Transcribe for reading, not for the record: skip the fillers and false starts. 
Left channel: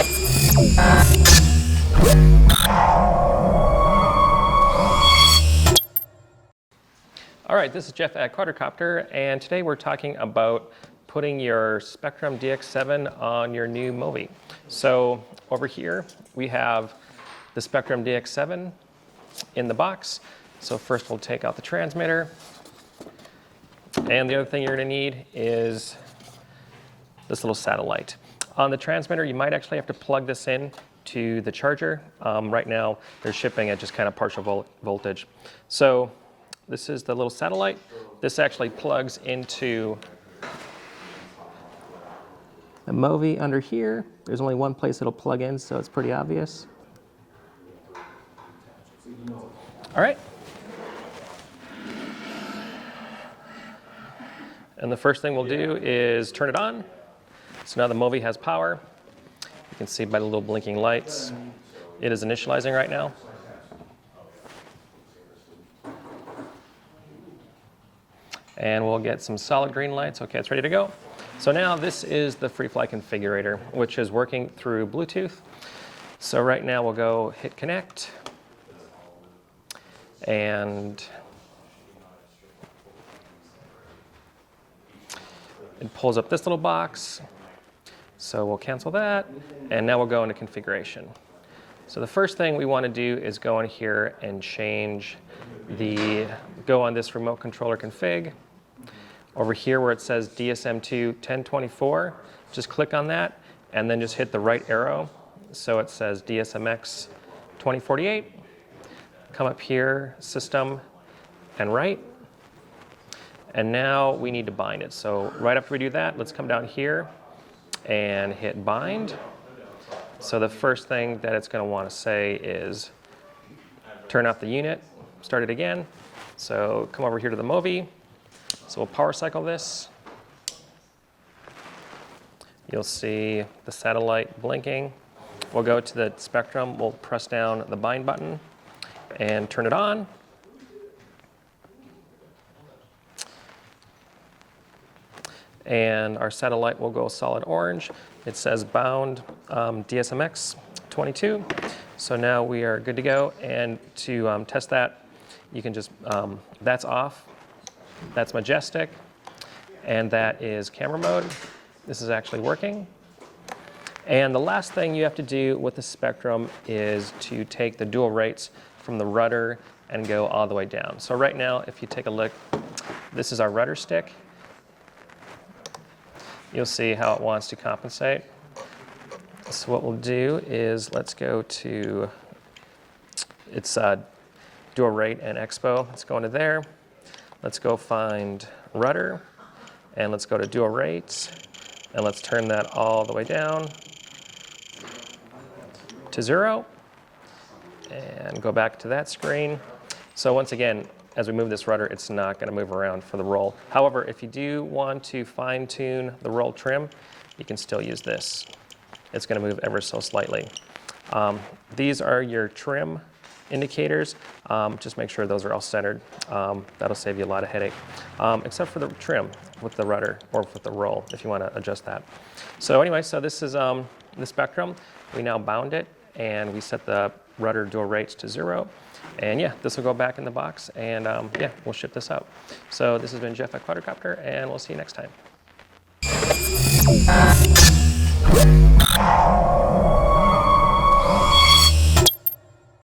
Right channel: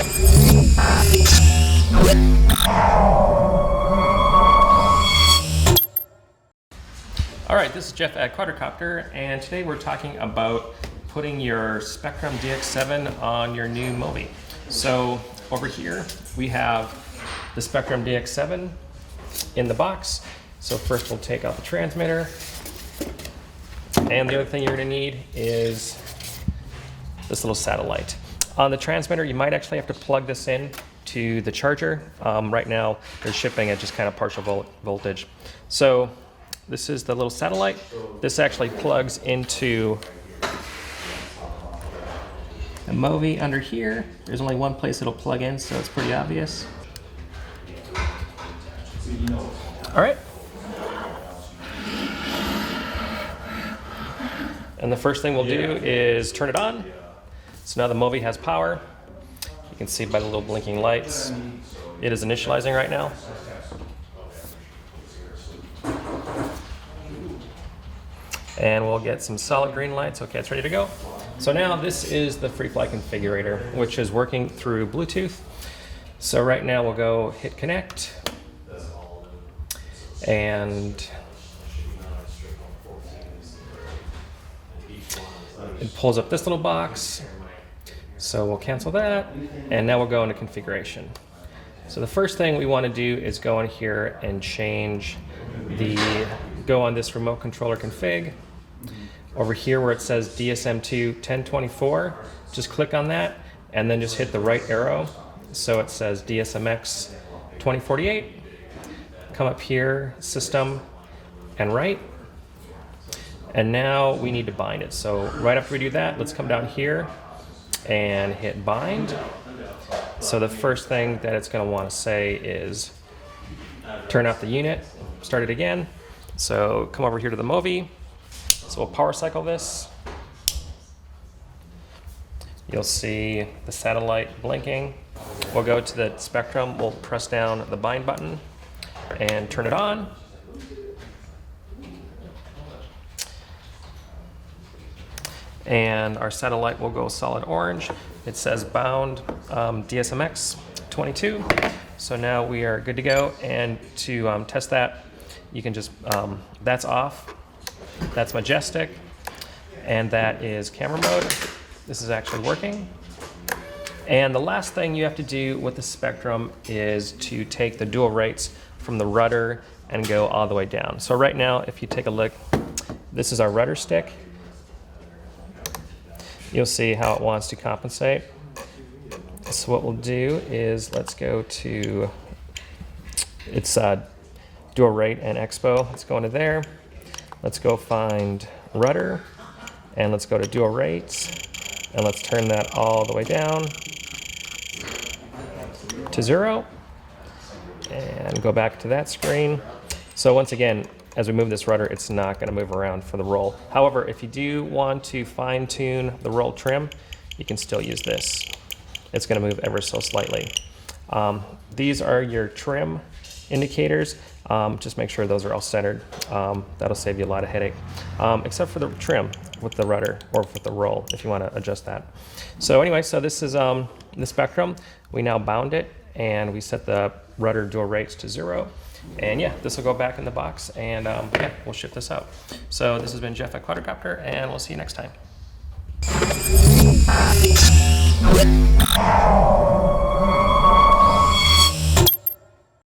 All right, this is Jeff at Quadrocopter, and today we're talking about putting your Spektrum DX7 on your new Movi. So over here we have the Spektrum DX7 in the box. So first we'll take out the transmitter, and the other thing you're going to need is this little satellite. On the transmitter, you might actually have to plug this in to the charger. Right now they're shipping at just kind of partial voltage. So this is the little satellite. This actually plugs into the Movi under here. There's only one place it'll plug in, so it's pretty obvious. All right. And the first thing we'll do is turn it on. So now the Movi has power. You can see by the little blinking lights. It is initializing right now. And we'll get some solid green lights. Okay, it's ready to go. So now this is the FreeFly configurator, which is working through Bluetooth. So right now we'll go hit connect. And it pulls up this little box. So we'll cancel that. And now we'll go into configuration. So the first thing we want to do is go in here and change go on this remote controller config. Over here where it says DSM2 1024, just click on that and then just hit the right arrow. So it says DSMX 2048. Come up here, system, and right. And now we need to bind it. So right after we do that, let's come down here and hit bind. So the first thing that it's going to want to say is turn off the unit, start it again. So come over here to the Movi. So we'll power cycle this. You'll see the satellite blinking. We'll go to the Spektrum, we'll press down the bind button and turn it on. And our satellite will go solid orange. It says bound DSMX 22. So now we are good to go. And to test that, you can just, that's off. That's majestic, and that is camera mode. This is actually working. And the last thing you have to do with the Spektrum is to take the dual rates from the rudder and go all the way down. So right now, if you take a look, this is our rudder stick. You'll see how it wants to compensate. So what we'll do is let's go to, it's dual rate and expo. Let's go into there. Let's go find rudder, and let's go to dual rates, and let's turn that all the way down to 0, and go back to that screen. So once again, as we move this rudder, it's not going to move around for the roll. However, if you do want to fine tune the roll trim, you can still use this. It's going to move ever so slightly. These are your trim indicators. Just make sure those are all centered. That'll save you a lot of headache, except for the trim with the rudder or with the roll if you want to adjust that. So anyway, so this is the Spektrum. We now bound it and we set the rudder dual rates to 0. And yeah, this will go back in the box, and yeah, we'll ship this out. So this has been Jeff at Quadrocopter, and we'll see you next time.